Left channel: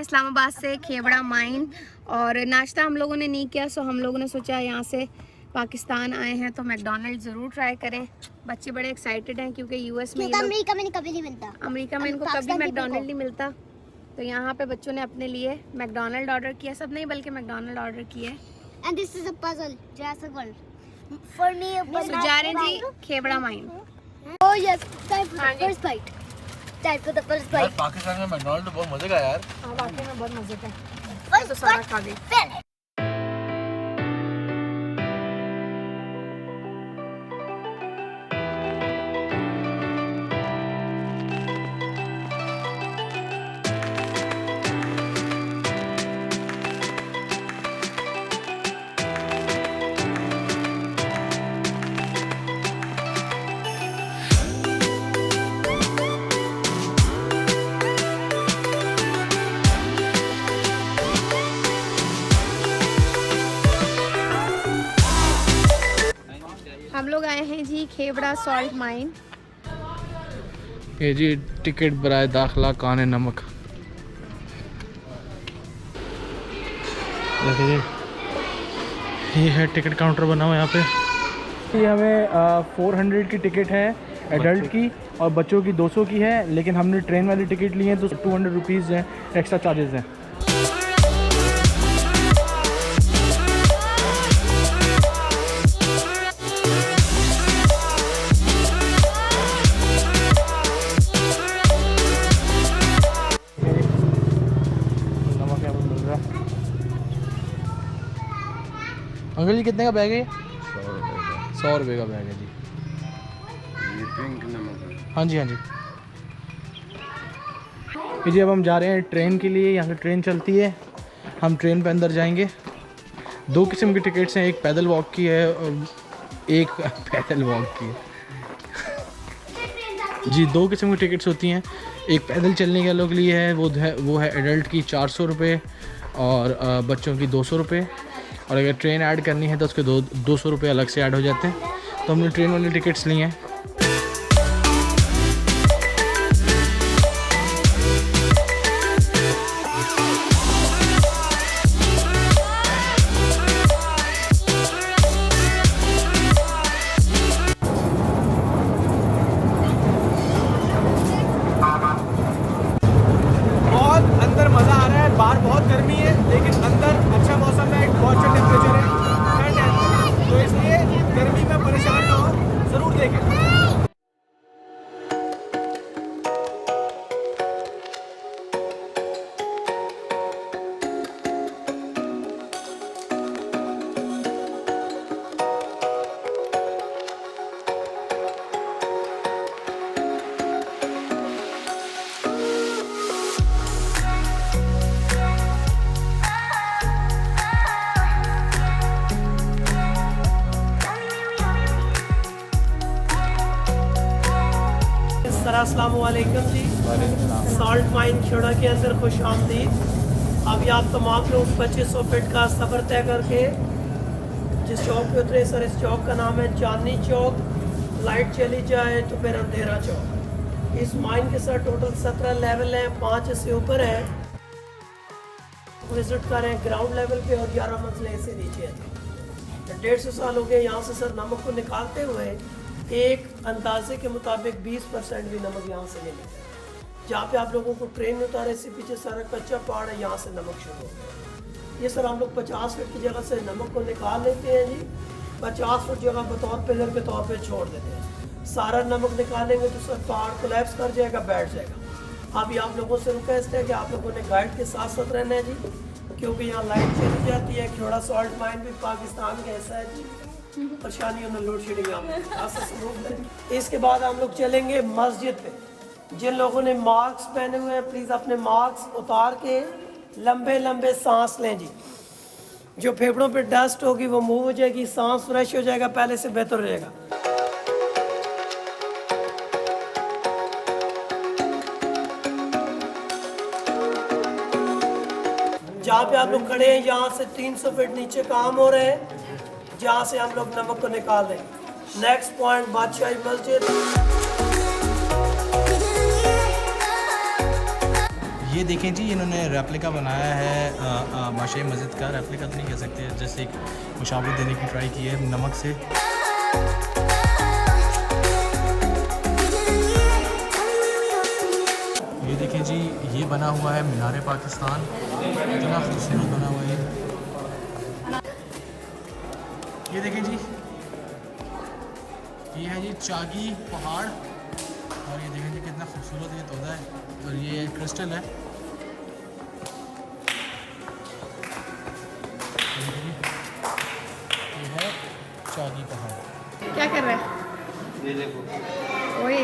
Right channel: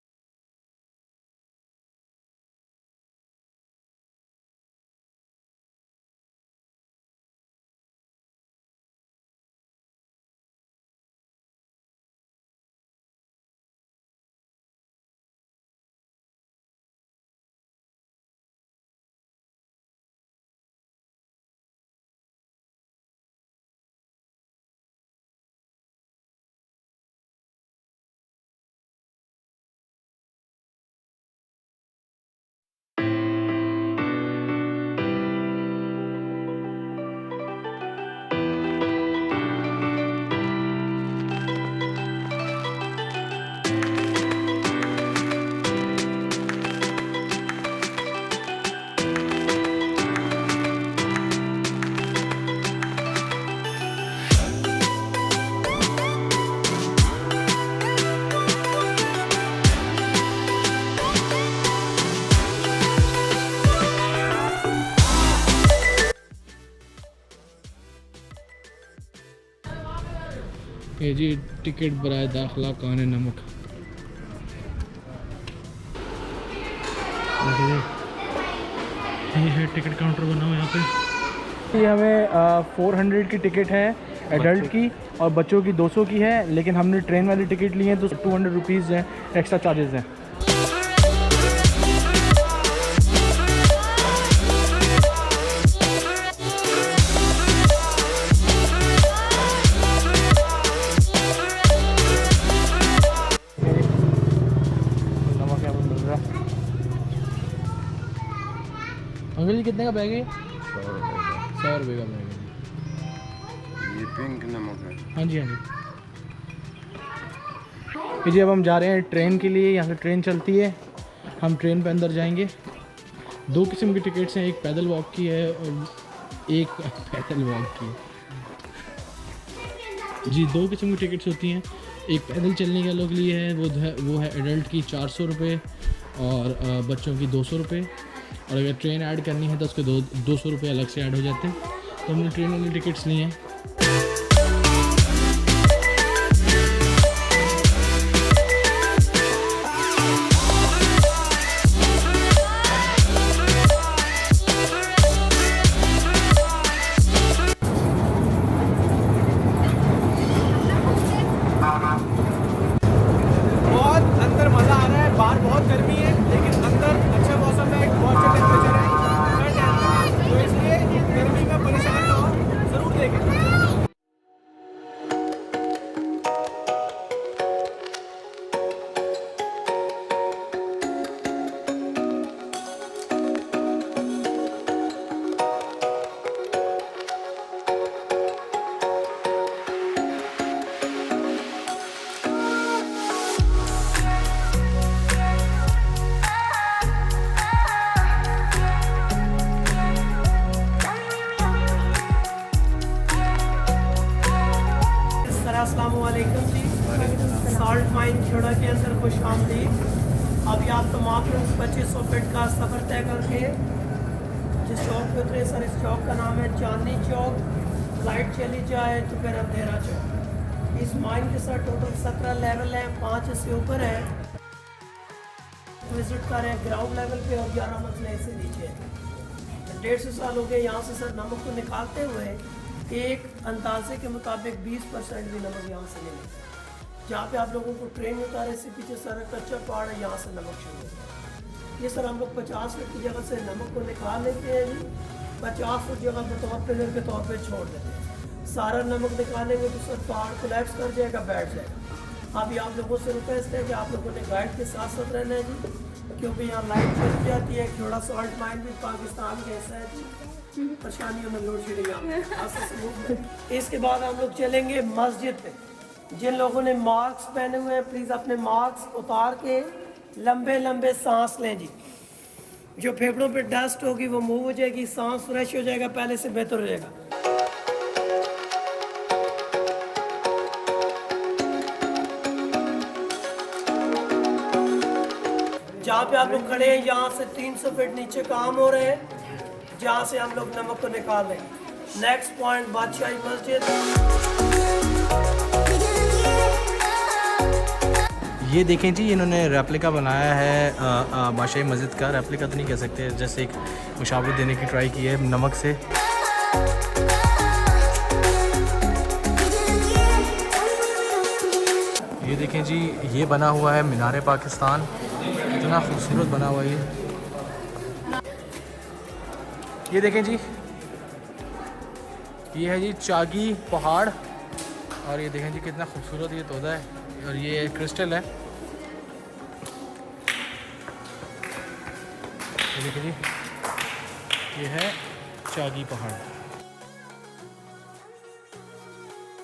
हैं इस्लामाबाद से खेवड़ा माइन और नाश्ता हम लोगों ने नहीं किया, सो हम लोगों ने सोचा यहाँ से पाकिस्तान आए हैं तो मैकडॉनल्ड ज़रूर ट्राई करें। बच्चे बड़े एक्साइटेड हैं क्योंकि यूएस में अमेरिका में कभी नहीं मिलता, अमेरिका में इनको कभी मैकडॉनल्ड नहीं मिलता। तो यहाँ पे बच्चों ने अपने लिए मैकडॉनल्ड ऑर्डर किया, सब नहीं बल्कि मैकडॉनल्ड ऑर्डर किया है। And this is a puzzle Jurassic World for me. So जा रहे हैं जी Khewra mine. Oh yes, time for the first bite, time for the first bite. Pakistan में मैकडॉनल्ड तो बहुत मजे का यार। हाँ वाकई में बहुत मजे का, तो सारा खा गई। हम लोग आए हैं जी खेवड़ा सॉल्ट माइन। ये जी टिकट बराए दाखिला कान नमक। ये है टिकट काउंटर बना हुआ यहाँ पे। ये हमें 400 की टिकट है एडल्ट की और बच्चों की 200 की है, लेकिन हमने ट्रेन वाली टिकट ली है तो 200 रुपीज़ हैं एक्स्ट्रा चार्जेस हैं। अंकल जी कितने का बैग है? 100 रुपये का बैग है जी। ये पिंक नमक है। हाँ जी हाँ जी। जी अब हम जा रहे हैं ट्रेन के लिए। यहाँ से ट्रेन चलती है, हम ट्रेन पे अंदर जाएंगे। 2 किस्म की टिकट्स हैं, एक पैदल वॉक की है और एक पैदल वॉक की है जी। 2 किस्म की टिकट्स होती हैं, एक पैदल चलने के लोग लिए है, वो है एडल्ट की 400 रुपये और बच्चों की 200 रुपये। और अगर ट्रेन ऐड करनी है तो उसके 200 रुपये अलग से ऐड हो जाते हैं। तो हमने ट्रेन वाली टिकट्स ली हैं। बहुत अंदर मज़ा आ रहा है। बाहर बहुत गर्मी है लेकिन अंदर अच्छा मौसम है, बहुत अच्छा टेम्परेचर है, ठंड है अंदर, तो इसलिए गर्मी में परेशान ना हो, ज़रूर देखें। अस्सलाम वालेकुम जी। सॉल्ट माइन खेड़ा के अंदर खुश आमदीद। अभी आप तमाम लोग 2500 फीट का सफ़र तय करके जिस चौक पे उतरे सर, इस चौक का नाम है चांदनी चौक। लाइट चली जाए तो फिर अंधेरा चौक। इस माइन के साथ टोटल 17 लेवल हैं, 5 इससे ऊपर है। विज़िट करें ग्राउंड लेवल पे और 11 मंजिलें से नीचे हैं। 150 साल हो गए यहाँ से सर नमक को निकालते हुए। एक अंदाजे के मुताबिक 20% भी नमक यहाँ से नहीं मिलता। जहाँ पे आप लोगों को ट्रेन में उतारे, इससे पीछे सारा कच्चा पहाड़ है, यहाँ से नमक शुरू होता है। ये सर हम लोग 50 फीट की जगह से नमक को निकाल लेते हैं जी। 50 फीट जगह बतौर पिलर के तौर पे छोड़ देते हैं। सारा नमक निकालेंगे तो सर पहाड़ कोलैप्स कर जाएगा, बैठ जाएगा। अभी आप लोगों से रिक्वेस्ट है कि आप लोगों ने गाइड के साथ साथ रहना है जी, क्योंकि यहाँ लाइट चली जाती है। खेड़ा सॉल्ट माइन भी पाकिस्तान का हिस्सा है जी। परेशानियों में लोड शेडिंग। इसके बाद हम लोग चलेंगे मस्जिद पे। जिन लोगों ने मास्क पहने हुए हैं प्लीज़ अपने मास्क उतार के लंबे लंबे सांस लें जी। जो फेफड़ों पे डस्ट होगी वो मूव हो जाएगी, सांस फ्रेश हो जाएगा, पहले से बेहतर हो जाएगा। जहाँ पे आप लोग खड़े हैं यहाँ से 300 फीट नीचे काम हो रहे हैं, जहाँ से हम लोग नमक को निकाल लेंगे। नेक्स्ट पॉइंट बादशाही मस्जिद। ये देखें जी, इन्होंने रेप्लिका बनाया है बादशाही मस्जिद का। रेप्लिका तो नहीं कह सकते, जैसे एक मुशावरत देने की ट्राई की है नमक से। ये देखें जी, ये बना हुआ है मीनार पाकिस्तान, इतना खूबसूरत बना हुआ है ये देखें जी, ये है जी चागी पहाड़, और ये देखें जी कितना खूबसूरत ये तोता है, और ये क्रिस्टल है। ये देखिए जी, ये है चागी पहाड़। क्या कर रहा है? ये देखो, ओए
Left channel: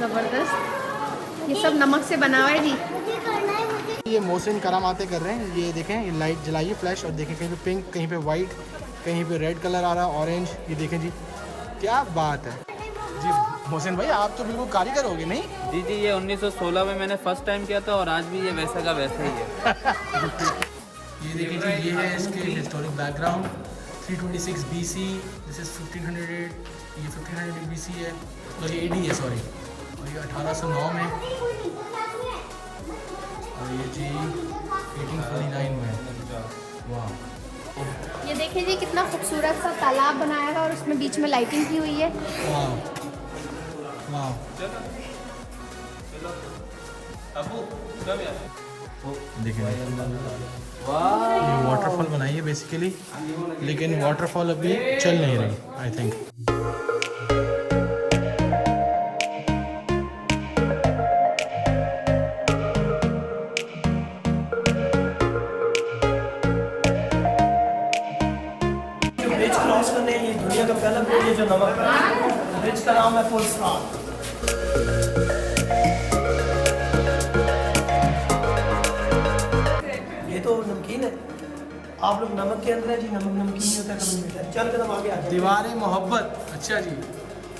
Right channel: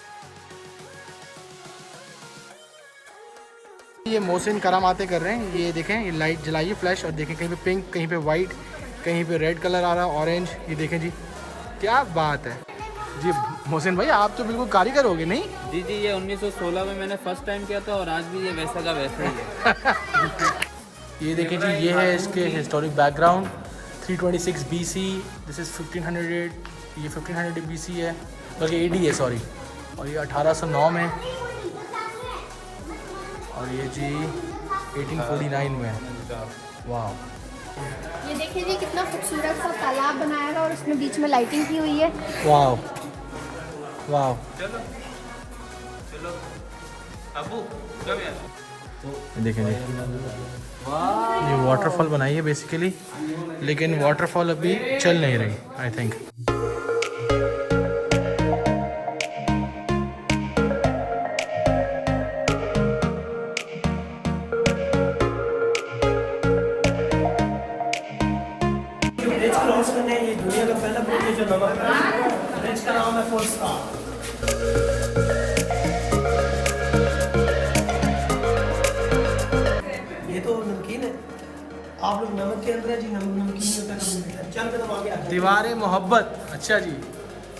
जबरदस्त, ये सब नमक से बना हुआ है जी। ये मोहसिन करामाते कर रहे हैं। ये देखें, ये लाइट जलाइए फ्लैश, और देखें कहीं पे पिंक, कहीं पे वाइट, कहीं पे रेड कलर आ रहा है, ऑरेंज। ये देखें जी, क्या बात है जी। मोहसिन भाई, आप तो बिल्कुल कारीगर हो गए, नहीं? जी जी, ये 1916 में मैंने फर्स्ट टाइम किया था, और आज भी ये वैसा का वैसा ही है। ये देखिए जी, ये है इसके historic background. 326 BC, this is 1500, ये 1500 BC है, बल्कि AD है, सॉरी। और ये 1809 में, और ये जी 1849 में। वाह, ये देखिए जी कितना खूबसूरत सा तालाब बनाया हुआ, और उसमें बीच में लाइटिंग की हुई है। वाह वाह। देखें, ये वाटरफॉल बनाई है बेसिकली, लेकिन वाटरफॉल अभी चल नहीं रही, आई थिंक। ब्रिज क्रॉस करने, ये दुनिया का पहला ब्रिज है जो नमक है। ब्रिज का नाम है फुल स्टॉप। ये तो नमकीन है, आप लोग नमक के अंदर है जी, नमक नमकीन नहीं होता कभी नहीं। चल कदम आगे आ जाओ। दीवारें मोहब्बत, अच्छा जी,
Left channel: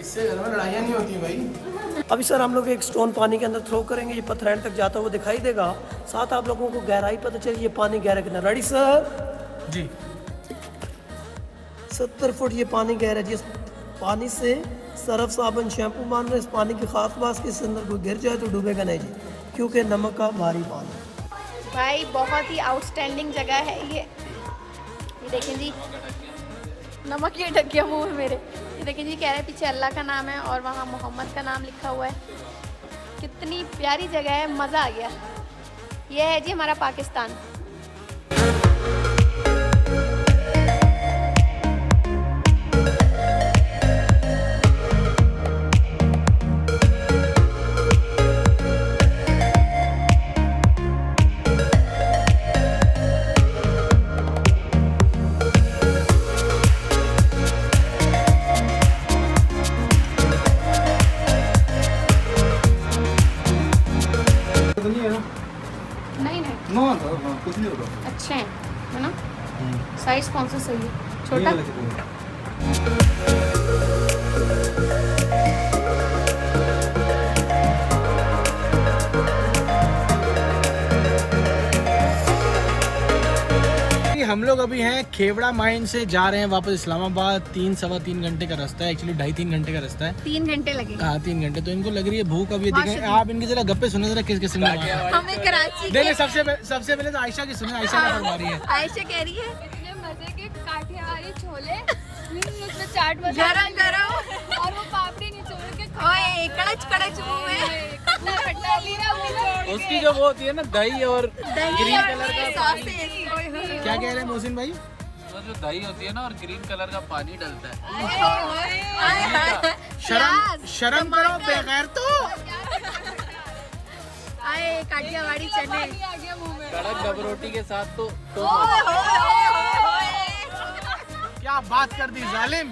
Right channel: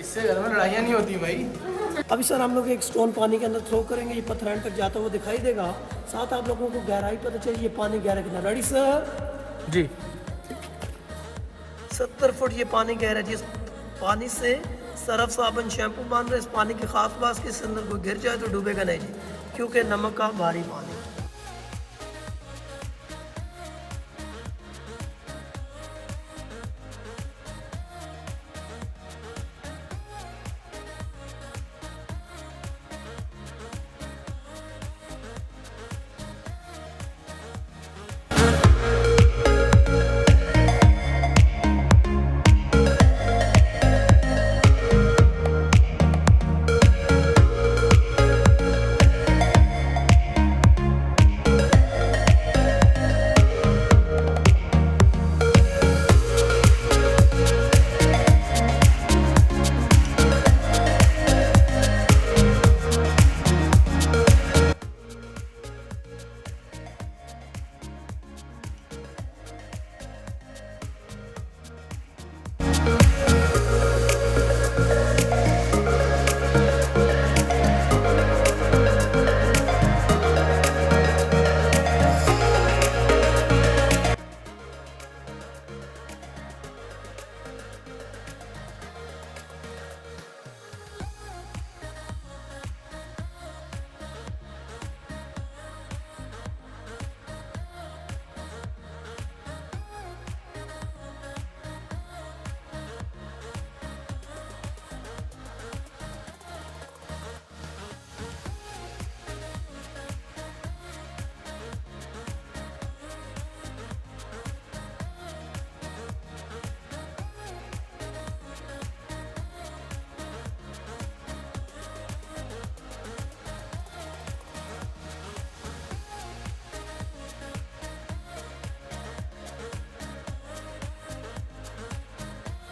इससे घर में लड़ाइयाँ नहीं होती भाई। अभी सर हम लोग एक स्टोन पानी के अंदर थ्रो करेंगे, ये पत्थर एंड तक जाता हुआ दिखाई देगा, साथ आप लोगों को गहराई पता चले ये पानी गहरा कितना। Ready sir? जी। 70 फुट ये पानी गहरा है। जिस पानी से सरफ साबुन शैम्पू मान रहे, इस पानी की खास बात कि इसके अंदर कोई गिर जाए तो डूबेगा नहीं, क्योंकि नमक का भारी पानी। भाई बहुत ही आउटस्टैंडिंग जगह है ये देखें जी, नमक ये ढक गया मुँह में मेरे। ये देखें जी, कह रहे हैं पीछे अल्लाह का नाम है और वहाँ मोहम्मद का नाम लिखा हुआ है। कितनी प्यारी जगह है, मज़ा आ गया। ये है जी हमारा पाकिस्तान। अच्छे हैं, है ना? साइज कौन सा सही है? छोटा? हम लोग अभी हैं खेवड़ा माइन से जा रहे हैं वापस इस्लामाबाद। 3-3.25 घंटे का रास्ता है, एक्चुअली 2.5-3 घंटे का रास्ता है। 3 घंटे लगेंगे। हाँ 3 घंटे। तो इनको लग रही है भूख। अभी देखें आप इनकी जरा गप्पे सुने, जरा किस किस्म में। हमें कराची के नहीं, सबसे पहले तो आयशा की सुने। आयशा क्या फरमा रही है? आयशा कह रही है मजे के काठियावाड़ी छोले, उसमें चाट मसाला गरम गरम और वो पापड़ी निचोड़ के ओए कड़च कड़च मुंह में खट्टा खट्टा लीरा उसकी जो वो होती है ना दही और ग्रीन कलर का, क्या कह रहे हैं मोहसिन भाई? वो जो दही होती है ना और ग्रीन कलर का पानी डलता है। शर्म करो बेगैर तो। आए काठियावाड़ी चने कड़क डब रोटी के साथ तो ओए होए होए होए। क्या बात कर दी जालिम।